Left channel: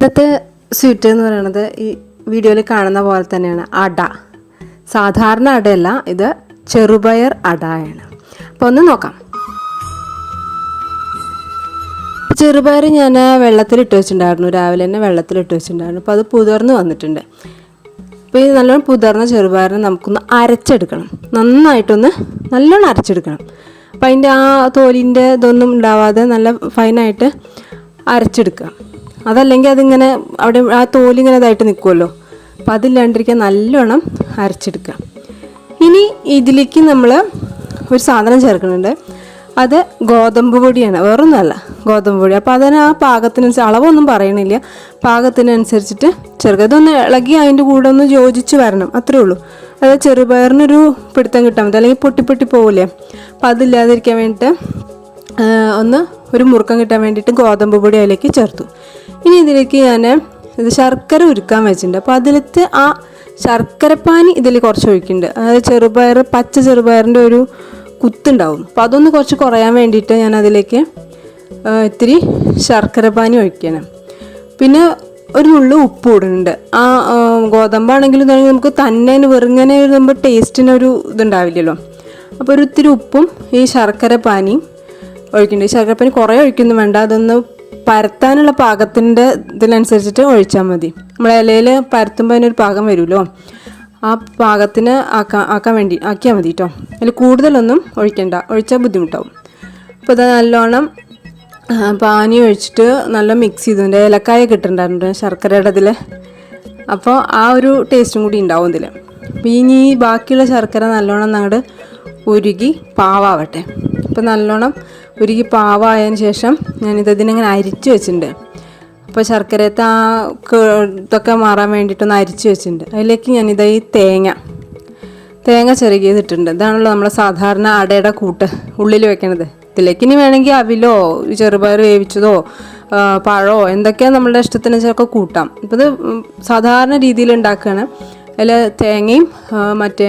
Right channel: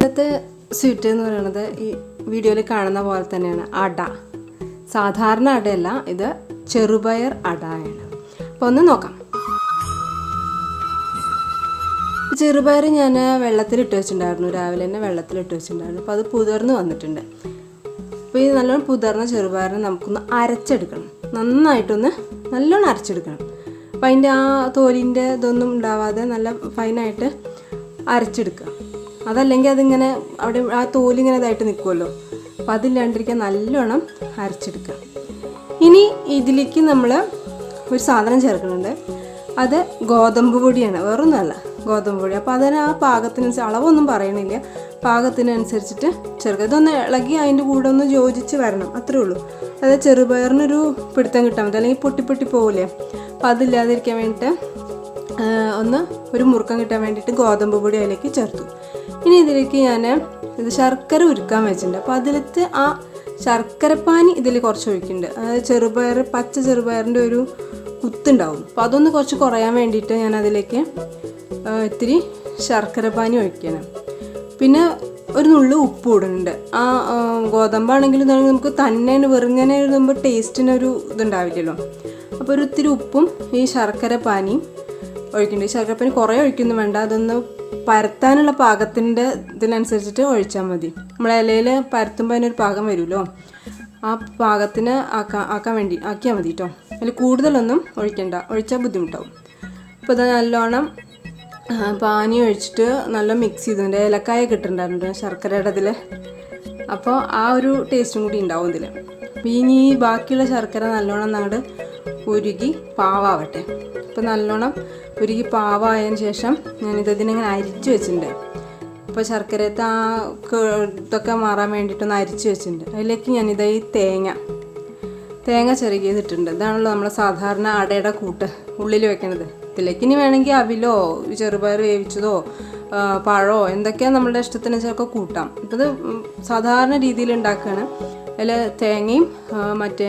ഇന്നത്തെ സ്വീറ്റ് എന്ന് പറയുന്നത് ഈ വീഡിയോയിൽ കാണുന്ന പോലെ തന്നെയാണ് അട. സാധാരണ അടയല്ല, ഇത് ചെറുപയർ അടയാണ്. അപ്പോൾ ഒന്ന് നോക്കാം. ചെറുപയർ ഞാൻ വെള്ളത്തിലിട്ട് വെച്ചിട്ടുണ്ടായിരുന്നു, രാവിലെ തന്നെ വെള്ളത്തിലിട്ട് വെച്ചിട്ടുണ്ടായിരുന്നു. അപ്പോൾ അത് പുതിർന്ന് വന്നിട്ടുണ്ട്. അപ്പോൾ ഈ നല്ലോണം പുതിർന്ന ചെറുപയറിനെ നമുക്കൊന്ന് അരച്ചെടുക്കണം. നല്ലോണം അരച്ചെടുക്കണം. അപ്പോൾ അതിൻ്റെ ആ തോലിൻ്റെ ഇതൊന്നും ഉണ്ടാവാതെ നല്ല ഫൈനായിട്ട് അരച്ചെടുക്കുക. അതല്ലെങ്കിൽ അതിങ്ങനെ അവിടെ ആ തോലിങ്ങനെ ഇതായിട്ട് നിൽക്കുമല്ലോ. അപ്പോൾ അതില്ലാണ്ടിരിക്കാൻ നല്ലോണം അരച്ചെടുക്കുക. ഇനി ഇതിലേക്ക് നമ്മൾ ഒരു സാധനം ചേർക്കുന്നുണ്ട്. അത് ഗോതമ്പ് പൊടിയാണ്, വേറൊന്നുമല്ല, ഗോതമ്പ് പൊടി. അപ്പോൾ അതിന് ആ പാകത്തിനനുസരിച്ച്, അളവൊന്നും പറയണില്ല, പാകത്തിനനുസരിച്ചിട്ട് ചേർക്കുക. ഇതൊന്ന് ഇളകി അതിൻ്റെ കൂടെ ഒന്ന് യോജിച്ച് വരണം, അത്രേ ഉള്ളൂ. അത് ചെറുപയറിനൊരു പിടുത്തം കിട്ടാൻ മതി, അല്ലെങ്കിൽ പൊട്ടി പോവില്ലേ. അപ്പോൾ അതില്ലാതിരിക്കാൻ വേണ്ടിയിട്ട് ഒരു മുറുക്കം കിട്ടാൻ വേണ്ടിയിട്ട് ഗോതമ്പ് പൊടി അതിലേക്ക് ചേർത്തു. ഇനി ഇതിലേക്ക് ഞാൻ ശർക്കര ഉരുക്കാൻ വെച്ചിട്ടുണ്ട്. അപ്പോൾ അതിലത്തെ ആ ശർക്കരപ്പാനി ഇതിൽ കുറച്ച് ഒഴിക്കുന്നുണ്ട്. അതായത് പച്ച ചെറുപയറിൻ്റെ ഒരു കുത്തുണ്ടാവും. അപ്പോൾ അതൊന്ന് കുറച്ച് കുറയാൻ വേണ്ടിയിട്ട് ഞാൻ അതിലേക്ക് ഇത്തിരി ശർക്കരപ്പാനി ഒഴിക്കണം. പിന്നെ ഒരു നുള്ളു ഉപ്പ് ഇടുന്നുണ്ട്. ആ ഗോതമ്പാണെങ്കിലും നമുക്ക് തന്നെ വെറുങ്ങനെ നമ്മൾ ടേസ്റ്റിനൊരു ഇതുണ്ടാവില്ലല്ലോ. അപ്പോൾ ഒരു ഇത്തിരി ഉപ്പും ഈ ശർക്കരപ്പാനിയും ഒഴിക്കുന്നുണ്ട്. ശർക്കരപ്പാനി കുറേ ഒഴിക്കൊന്നും വേണ്ട, അതൊന്ന് പരത്താനുള്ള പാകത്തിൻ്റെ ഇതിനനുസരിച്ചിട്ട് ഒഴിച്ചാൽ മതി. നമ്മൾ ഇലയിൽ പരത്തുമ്പോൾ അതിനൊരു പാകം വരുമല്ലോ, ആ പാകത്തിന് ആക്കിയാൽ മതി കേട്ടോ. അതിൽ കൂടുതലൊന്നും ഒഴിക്കണ്ട, ഒഴിച്ചാൽ ബുദ്ധിമുട്ടാവും. അപ്പോൾ ഇത് നല്ലോണം പാനി ഒഴിച്ചിട്ട് നല്ല മിക്സ് ചെയ്തിട്ടുണ്ട്. ഏലക്കായ കിട്ടുന്നുണ്ടായിരുന്നു ശർക്കരയുടെ ഇതിൽ, അപ്പോൾ ആ ഒരു ടേസ്റ്റും കൂടി ഉണ്ടാവും ഇതിൽ. അപ്പോൾ ഇനി ബാക്കിയുള്ള ശർക്കര നല്ലോണം അങ്ങോട്ട് ഉരുകി പാവാവട്ടെ. അപ്പോൾ നല്ലോണം ഉരുകി പാവായതിന് ശേഷം ഇതിങ്ങനെ അരിച്ച് വെച്ചിട്ടുണ്ട്. അപ്പോൾ ശർക്കരത്തെ ആ ഇതൊക്കെ മാറാൻ വേണ്ടിയിട്ടൊന്ന് അരിച്ച് വെച്ചിട്ടുണ്ട്. അതിലേക്ക് ഞാനിത് ഈ തേങ്ങ ചിരകിയതിട്ടുണ്ട്. ഇതാണല്ലോ നമ്മളെ സാധാരണ അടയുടെ കൂട്ട് ഉള്ളിൽ വെക്കണത്. ഇതിലേക്ക് ഇനി വേണമെങ്കിൽ അവിലോ ചെറുപയർ വേവിച്ചതോ പഴമോ എന്തൊക്കെയാണ് നമ്മളുടെ ഇഷ്ടത്തിന് ചിലപ്പോൾ കൂട്ടാം. ഇപ്പോൾ ഇത് സാധാരണ രീതിയിൽ ഉണ്ടാക്കുകയാണ്. അതിൽ തേങ്ങയും മറ്റേ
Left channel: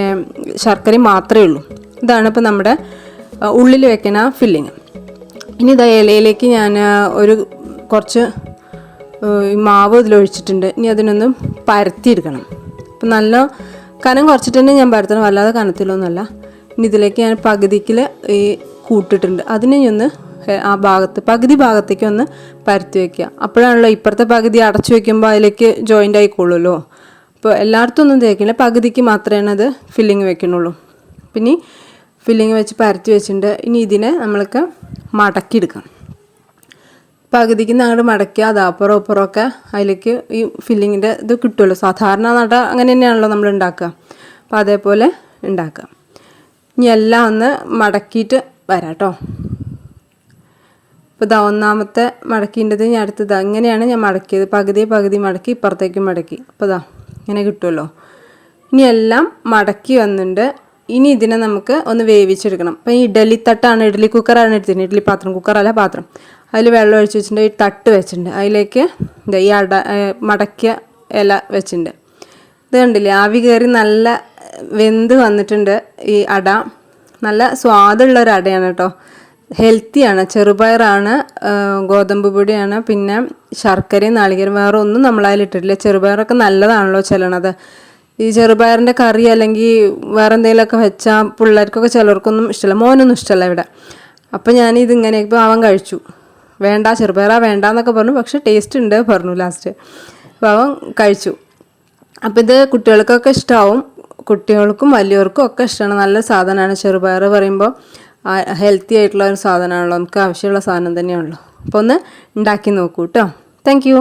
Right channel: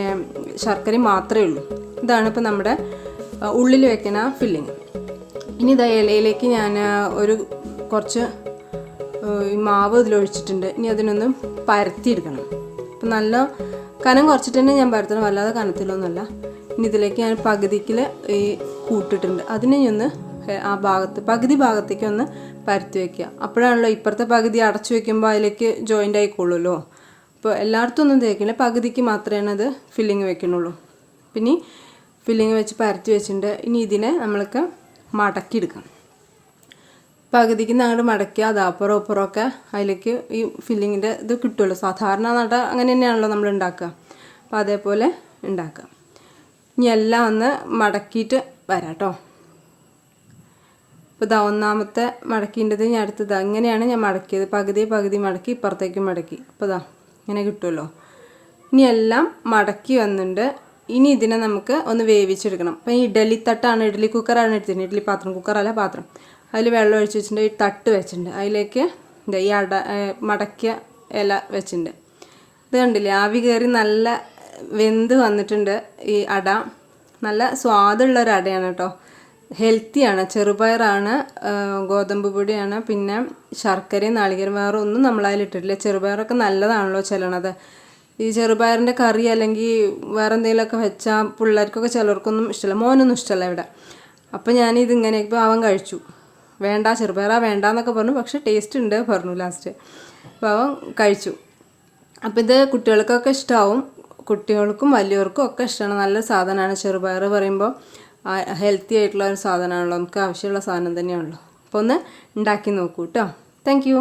ശർക്കരയും മാത്രമേ ഉള്ളൂ. ഇതാണ് ഇപ്പോൾ നമ്മുടെ ഉള്ളിൽ വെക്കുന്ന ഫില്ലിങ്. ഇനി ഇതാ ഇലയിലേക്ക് ഞാൻ കുറച്ച് മാവ് ഇതിലൊഴിച്ചിട്ടുണ്ട്. ഇനി അതിനൊന്ന് പരത്തിയെടുക്കണം. അപ്പം നല്ല കനം കുറച്ചിട്ട് തന്നെ ഞാൻ പരത്തണം, അല്ലാതെ കനത്തിലൊന്നുമല്ല. ഇനി ഇതിലേക്ക് ഞാൻ പകുതിക്കിൽ ഈ കൂട്ടിട്ടുണ്ട്. അതിനെ ഒന്ന് ആ പകുതി ഭാഗത്തേക്ക് ഒന്ന് പരത്തി വയ്ക്കുക. അപ്പോഴാണല്ലോ ഇപ്പുറത്തെ പകുതി അടച്ചു വയ്ക്കുമ്പോൾ അതിലേക്ക് ജോയിൻ്റ് ആയിക്കോളുമല്ലോ. അപ്പോൾ എല്ലായിടത്തും ഒന്നും തേക്കില്ല, പകുതിക്ക് മാത്രമേ അത് ഫില്ലിങ് വെക്കണുള്ളൂ. പിന്നെ ഫില്ലിങ് വെച്ച് പരത്തി വെച്ചിട്ടുണ്ട്. ഇനി ഇതിനെ നമ്മൾക്ക് മടക്കിയെടുക്കാം. പകുതിക്ക് അങ്ങോട്ട് മടക്കുക, അത് അപ്പുറമൊക്കെ അതിലേക്ക് ഈ ഫില്ലിങ്ങിൻ്റെ ഇത് കിട്ടുമല്ലോ. സാധാരണ നട അങ്ങനെ തന്നെയാണല്ലോ നമ്മൾ ഉണ്ടാക്കുക. അപ്പോൾ അതേപോലെ ഉണ്ടാക്കുക. ഇനി എല്ലാം ഒന്ന് മടക്കിയിട്ട് വരാം കേട്ടോ. ഇപ്പോൾ ഇതാ ഒന്നാമത്തെ മടക്കിൻ്റെത് ഞാൻ അടുത്തത് ഇങ്ങനെയാണ് ഞാൻ മടക്കിയത്. പകുതി മടക്കി ഇപ്പുറത്തേക്കും മടക്കി. അപ്പോൾ ഇതാ ഇങ്ങനെ കിട്ടുമല്ലോ. ഇനി എല്ലാം മടക്കി വന്നിട്ടുണ്ട്. ഇനി ഇതിനെ നമുക്ക് ഒന്ന് വേവിച്ചെടുക്കണം. അപ്പോൾ ഈ ഇഡ്ഡലി കുക്കറാണ് എടുത്തിട്ടുണ്ട്. ഇഡ്ഡലി പാത്രം, കുക്കറല്ല പാത്രം. അതിൽ വെള്ളം ഒഴിച്ച് വെച്ചിട്ടുണ്ട്. ഈ തട്ട് വെച്ചിട്ടുണ്ട്. അതിലേക്ക് ഈ മടക്കിയ ഇല വെച്ചിട്ടുണ്ട്. ഇത് കണ്ടില്ലേ, ആവി കയറി നല്ല വെന്ത് വന്നിട്ടുണ്ട്. ഈ അട നല്ല സ്വാദുള്ള ഒരു അടയാണ് കേട്ടോ. ഹെൽത്തിയാണ്. ചെറുപയറാണ്, ഗോതമ്പ് പൊടിയാണ്, പിന്നെ ശർക്കരയും നാളികേരം, വേറെ ഒന്നും നമ്മളതിലിട്ടിട്ടില്ല. ചെറുപയറൊക്കെ നല്ലതാണല്ലോ ചെല്ലണത്. ഈ ചെറുപയറിൻ്റെ കറി അല്ലെങ്കിൽ വേറെ എന്തെങ്കിലുമൊക്കെ വെച്ചാൽ പിള്ളേർക്കൊക്കെ ചിലർക്കൊന്നും ഇഷ്ടമല്ല, മോനൊന്നും ഇഷ്ടമല്ല ഇവിടെ. അപ്പോൾ ഞാനിതിങ്ങനെ ഇപ്പോൾ അവൻ കഴിച്ചു. വേണ്ട ചെറുപയറാ വേണ്ടാന്നൊക്കെ പറഞ്ഞു, പക്ഷെ ടേസ്റ്റ് ഉണ്ട് പറഞ്ഞു ലാസ്റ്റ്. അപ്പോൾ അവൻ കഴിച്ചു. അപ്പോൾ ഇത് കുട്ടികൾക്കൊക്കെ ഇഷ്ടമാവും, കുട്ടികൾക്കും വലിയവർക്കും ഒക്കെ ഇഷ്ടമാണ്. നല്ല സാധനമാണ് ചെറുപയർ പറയുമ്പോൾ. ഹെൽത്തി ആയിട്ടുള്ള ഒരു സാധനമാണല്ലോ, നമുക്ക് ആവശ്യമുള്ള സാധനം തന്നെയാണല്ലോ. അപ്പോൾ ഒന്ന് ഉണ്ടാക്കി നോക്കൂ കേട്ടോ. Thank you.